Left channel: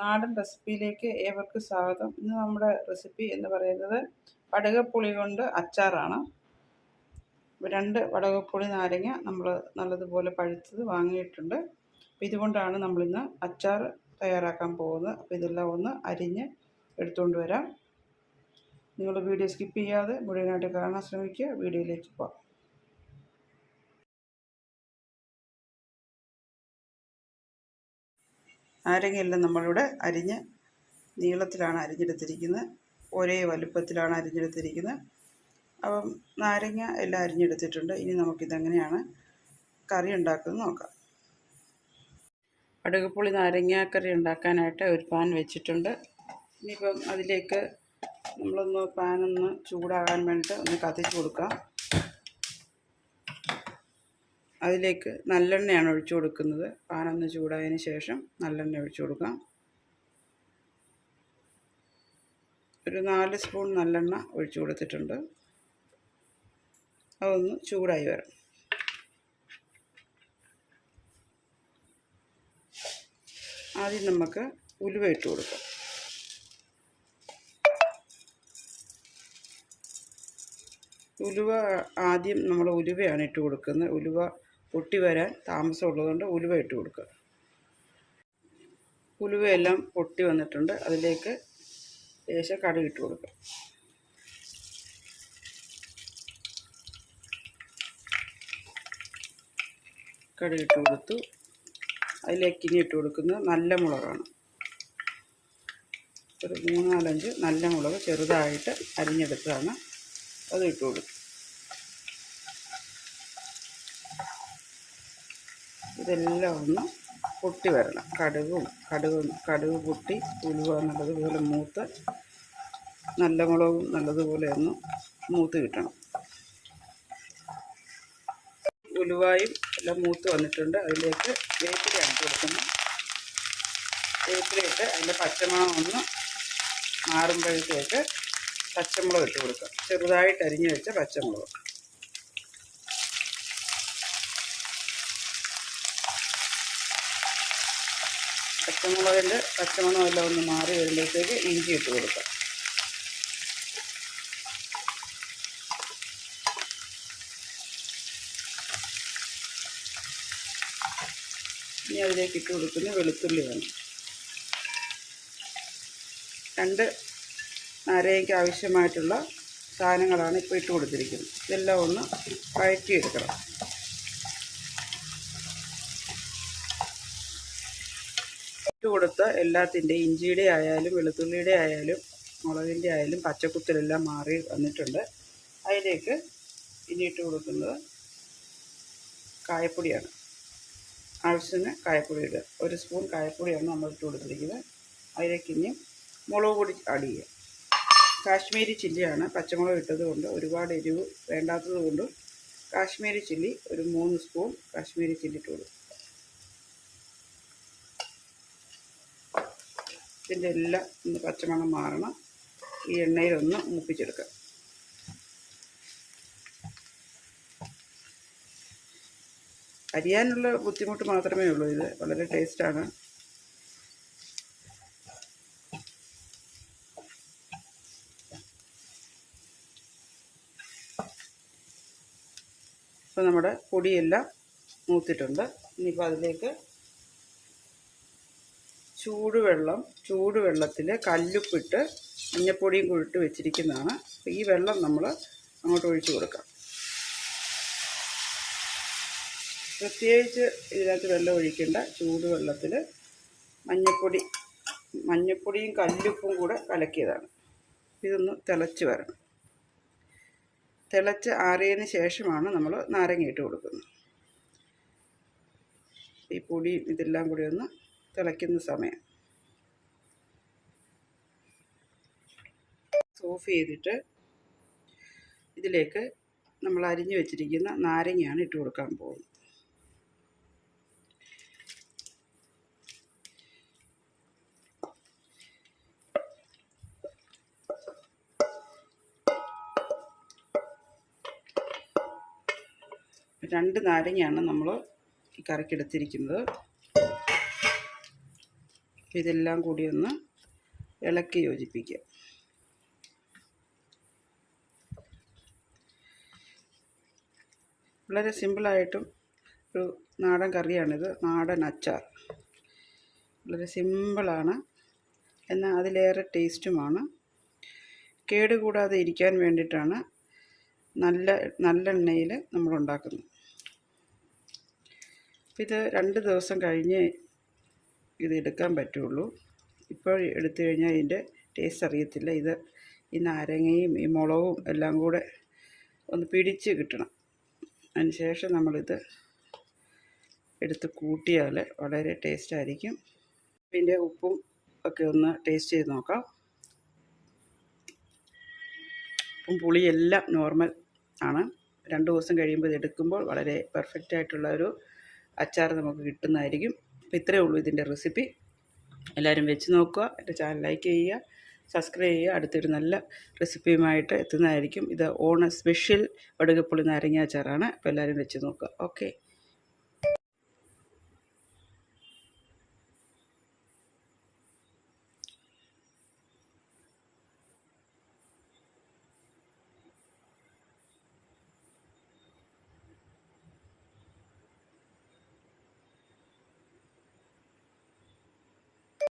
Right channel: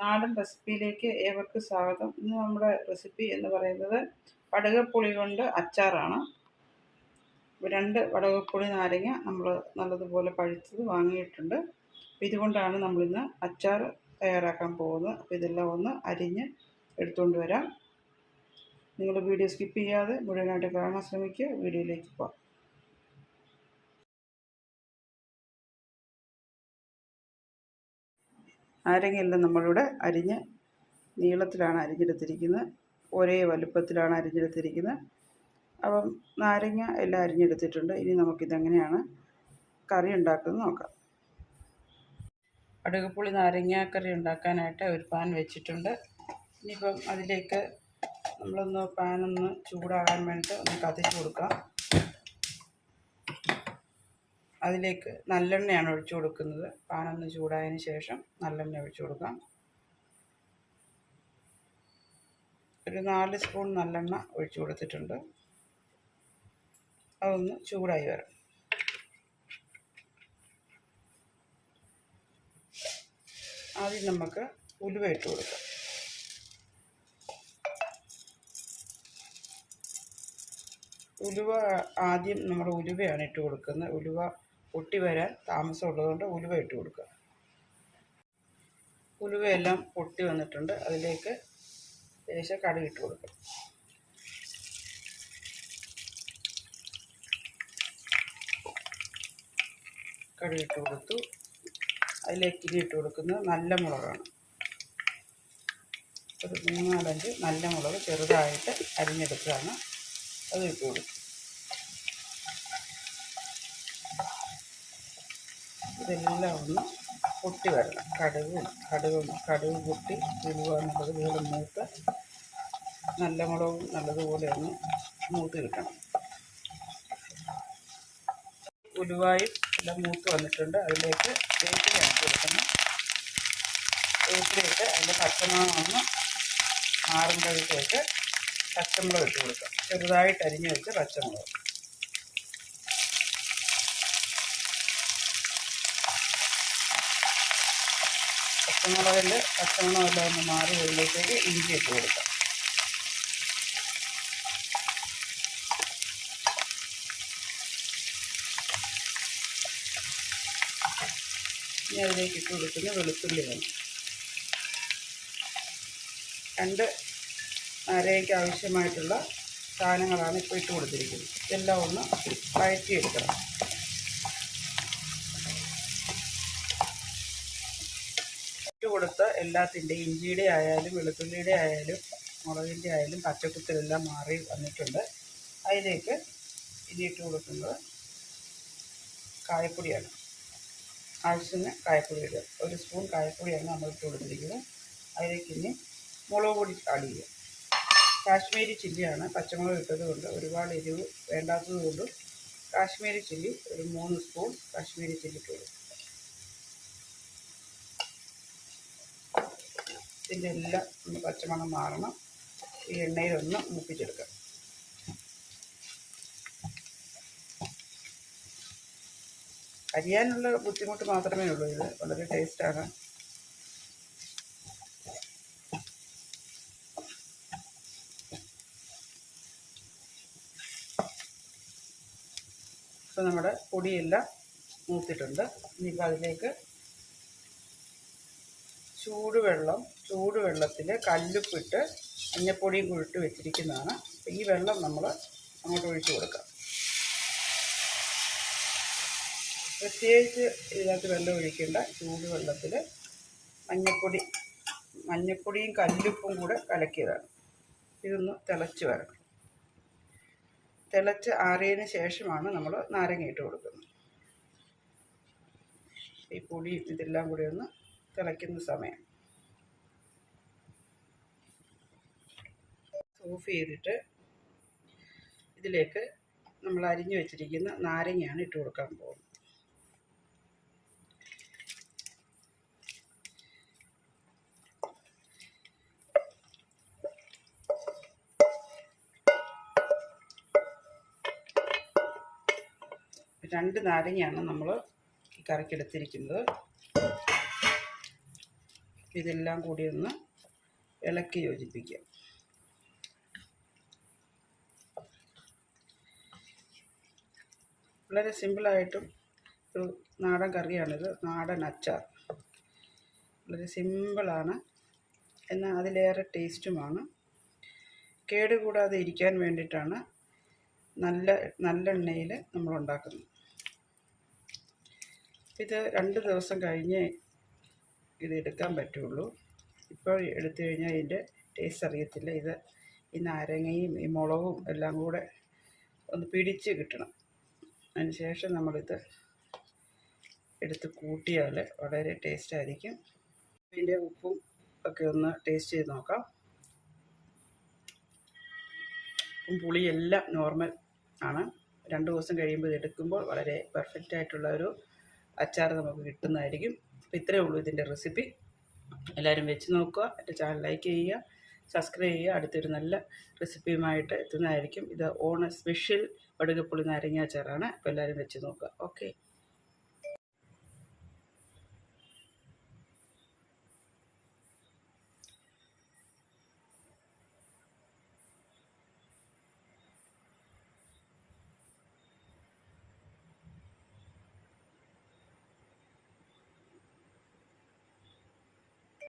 നാടൻ റെസിപ്പിയിലേക്ക് ഏവർക്കും സ്വാഗതം. ഇന്ന് നമ്മുടെ റെസിപ്പി എന്ന് പറയുന്നത് വടകപ്പുളി കൊണ്ട് അച്ചാറാണ്. രണ്ട് വടകപ്പുളി നാരങ്ങ നമ്മൾ നല്ലതുപോലെ പഴുത്തത് വാങ്ങിയിട്ടുണ്ട്. അപ്പോൾ ഇതുകൊണ്ടാണ് നമ്മളിന്ന് അച്ചാർ തയ്യാറാക്കാൻ പോകുന്നത്. അപ്പോൾ ഇതെല്ലാം ഒന്ന് അരിഞ്ഞ് എടുത്തുകൊണ്ട് വരാം. നിങ്ങൾ വീഡിയോ സ്കിപ്പ് ചെയ്യാതെ മുഴുവനായിട്ട് കാണാൻ ശ്രമിക്കുക. വീഡിയോയിലേക്ക് പോകാം നാരങ്ങയെല്ലാം നമ്മളിവിടെ അരിഞ്ഞ് നീളത്തിലാണ് അരിഞ്ഞെടുത്തിരിക്കുന്നത്. ഒരേ വലുപ്പത്തിലാണ് അരിഞ്ഞെടുത്തിരിക്കുന്നത്. അപ്പം നാരങ്ങ എല്ലാം അരിഞ്ഞെടുത്തിട്ടുണ്ട്. ഇനി നമുക്കിതെങ്ങനെയാണ് കറി ഉണ്ടാക്കുന്നത് നോക്കാം. അടുകപ്പുളി നാരങ്ങാക്കറി ഉണ്ടാക്കാനായിട്ട് ഒരു പാൻ വെച്ചിട്ടുണ്ട്. ഇനിയിപ്പം അതിലേക്ക് നമ്മളൊന്ന് പാനൊന്ന് ചൂടാകാൻ വേണ്ടിയിട്ട് ഒന്ന് കത്തിച്ച് കൊടുക്കാം. അതിലേക്ക് നല്ലെണ്ണയാണ് ഒഴിച്ചു കൊടുക്കുന്നത്. പാനൊന്ന് ചൂടായതിന് ശേഷം നല്ലെണ്ണ ഒഴിച്ചു കൊടുക്കാം. ഒരു നാല് സ്പൂൺ നല്ലെണ്ണ ഒഴിച്ചു കൊടുത്തിട്ടുണ്ട്. അതൊന്ന് ചൂടായി വരാം ആദ്യം നമുക്ക് ഉലുവ ഇട്ട് കൊടുക്കാം. ഉലുവ ആദ്യം നമ്മൾ ഉലുവയാണ് ഇട്ട് കൊടുക്കുന്നത്. ഉലുവ പൊട്ടി വരാൻ താമസമുള്ളതുകൊണ്ട് ഉലുവ ഇട്ട് കൊടുക്കുക. ഉലുവയെല്ലാം പൊട്ടി വന്നിട്ടുണ്ട്. അതിലേക്ക് ലേശം കടുക് ഇട്ട് കൊടുക്കുക. കടുക് ഇട്ട് കൊടുത്തു. അതിലേക്ക് ഇനി ഇട്ട് കൊടുക്കുന്നത് നല്ല മുളകാണ്. ഒരു മൂന്നാലഞ്ച് നല്ല മുളക് ചെറുതായിട്ട് അരിഞ്ഞെടുത്തതാണ്. അത് ഇട്ട് കൊടുക്കും ഇതെല്ലാം ഒന്ന് പൊട്ടി വരണം. കടുകും കടുകും കടുക് പൊട്ടി ഉലുവ നല്ലതുപോലെ മൂത്ത്. നല്ല മുളകും നല്ലതുപോലെ ഒന്ന് മൂത്ത് കിട്ടണം. ഉലുവായും എല്ലാം മൂത്ത് വന്നിട്ടുണ്ട്. അതിലേക്ക് വേപ്പിലയാണ് കൊടുക്കുന്നത് വേപ്പിലിട്ട് അതിന്റെ പച്ചമണം ഒന്ന് മാറുമ്പോഴത്തേക്ക് പച്ചമുളക് ഇട്ട് കൊടുക്കാം. ചെറുതായിട്ട് അരിഞ്ഞു വെച്ച പച്ചമുളക്. പച്ചമുളകിന്റെ പച്ചമണമെല്ലാം ഒന്ന് മാറി വരുമ്പോഴത്തേക്ക് ഇഞ്ചി ഇട്ട് കൊടുക്കാം. ഇനി അതിലേക്ക് ഇട്ട് കൊടുക്കുന്ന വെളുത്തുള്ളി വേണം. രണ്ട് നാരങ്ങയ്ക്ക് ആവശ്യമായിട്ടുള്ള സാധനങ്ങളാണ് ഇപ്പോൾ ഇട്ട് കൊടുത്തിരിക്കുന്നത്. ഇതെല്ലാം ഒന്ന് വഴറ്റിയെടുക്കണം. കൊടുത്ത എല്ലാത്തിന്റെ ഇഞ്ചിയുടെ ആയാലും വെളുത്തുള്ളിയുടെ ആയാലും മുളകിന്റെ ആയാലും പച്ചക്കുത്തിലെല്ലാം മാറി വന്നിട്ടുണ്ട്. അതിലേക്ക് ഇനി ഇട്ട് കൊടുക്കുന്നത് കായപ്പൊടിയാണ്. ആവശ്യത്തിന് കായപ്പൊടി ഇടുക. ഒരു സ്പൂൺ കായപ്പൊടിയാണ് നമ്മൾ ഇട്ട് കൊടുത്തിരിക്കുന്നത്. അതിലേക്ക് ഇനി മുളക് പൊടി ആഡ് ചെയ്യുക. കാശ്മീരി ചില്ലിയാണ് പച്ചമുളക് ഇട്ടത് കൊണ്ട് ഒരുപാട് എരിവ് വേണ്ടാത്തത് കൊണ്ടും കാശ്മീരി ചില്ലി ഒരു മൂന്ന് സ്പൂൺ കാശ്മീരി ചില്ലി ഇട്ട് കൊടുക്കും ഇതിന്റെ എല്ലാം ഒന്ന് പച്ചമണം മാറണം. ഈ എണ്ണയിലൊന്ന് മുപ്പിച്ചെടുക്കാം. അരിയാനുള്ള ബുദ്ധിമുട്ട് മാത്രമേ ഉള്ളൂ. ഇത് വളരെ ടേസ്റ്റാണ്. ഇപ്പോൾ നമ്മുടെ പൊടിയെല്ലാം മൂത്തിട്ടുണ്ട്. ഇനിയിപ്പോൾ അതിലേക്ക് ചൂടുവെള്ളം ചൂടുവെള്ളത്തിൽ കല്ലുപ്പിട്ട് മഞ്ഞപ്പൊടിയും കുഴിട്ട് വെച്ചിരിക്കുന്നതാണ്. അപ്പോൾ ഈ വെള്ളം നമ്മൾ അങ്ങോട്ട് ഒഴിച്ചു കൊടുക്കാം. പ്രത്യേകിച്ച് ഇതിനകത്ത് വെള്ളം ഒഴിക്കേണ്ട ചൂടുവെള്ളത്തിൽ മഞ്ഞപ്പൊടി മഞ്ഞപ്പൊടിയും കല്ലുപ്പും കൂടെ കലക്കിയതാണ്. ഇതൊന്ന് തിളച്ച് വരണം. തിളച്ച് ആറിയതിന് ശേഷമാണ് നമ്മൾ നാരങ്ങ ഇട്ട് കൊടുക്കുന്നത്. ഈ പൊടിയും ഇതെല്ലാം കൂടി ഒന്ന് തിളയ്ക്കുന്ന സമയം. ഓഫ് ചെയ്തിട്ട് ഇതിലേക്ക് നമ്മൾ അരിഞ്ഞു വെച്ചിരിക്കുന്ന നാരങ്ങയാണ് ഇട്ട് കൊടുക്കാൻ പോകുന്നത്. രണ്ട് നാരങ്ങയാണ് നമ്മൾ ഈ കറിക്ക് എടുത്തിരിക്കുന്നത്. ഇതെല്ലാം കൂടി ഒന്ന് ഇളക്കി യോജിപ്പിക്കുക വളരെ സിമ്പിളായിട്ടും ഒരു നാടൻ കറിയാണിത്. നാടൻ അച്ചാർ. വളരെ സിമ്പിളാണ് എന്നാൽ അതിലേറെ ടേസ്റ്റുമാണ്. കേടുകൂടാതെ ഇരിക്കാൻ വേണ്ടിയിട്ടാണ് നല്ല നല്ലെണ്ണയിൽ നമ്മളുണ്ടാക്കുന്നത് ഇത് രണ്ട് ദിവസം കഴിഞ്ഞ് ഇത് എടുക്കാൻ പറ്റുള്ളൂ. ഇപ്പോൾ എടുത്തു കഴിഞ്ഞാൽ ഇതിന്റെ ടേസ്റ്റ് അറിയത്തില്ല. ഇത് ഈ നാരങ്ങയും ഈ മുളകും എല്ലാം കൂടെ ഒന്ന് പിടിച്ച് കിട്ടണം. അതിന് ശേഷം നമ്മളിത് എടുത്ത് കൂട്ടിയാൽ വളരെ ടേസ്റ്റ് ആയിരിക്കും. ഇതിന്റെ ഉപ്പും ഒക്കെ ഒന്ന് ടേസ്റ്റ് ചെയ്ത് നോക്കാം. ഉപ്പും പുളിയെല്ലാം നോർമൽ ആണ്. രണ്ട് ദിവസം കഴിയുമ്പോൾ ഇത് എടുക്കുമ്പോൾ വളരെ പെർഫെക്റ്റ് ആയിട്ടുള്ള ഒരു അച്ചാർ നമുക്ക് കിട്ടുന്നതായിരിക്കും. അപ്പോൾ ഇത്രയേ ഉള്ളൂ ഇതിന്റെ റെസിപ്പി. എല്ലാവരും വെച്ച് നോക്കുക എന്റെ ചാനൽ ലൈക്ക് ചെയ്യുക സബ്സ്ക്രൈബ് ചെയ്യുക. അടുത്തൊരു നല്ല റെസിപ്പിയുമായിട്ട് എത്തുന്നതായിരിക്കും. ഇത് ഓണ സ്പെഷ്യൽ വടുകപ്പുളി നാരങ്ങ അച്ചാറാണ്. അപ്പോൾ എല്ലാവരും വെച്ച് നോക്കുക. ഓക്കെ.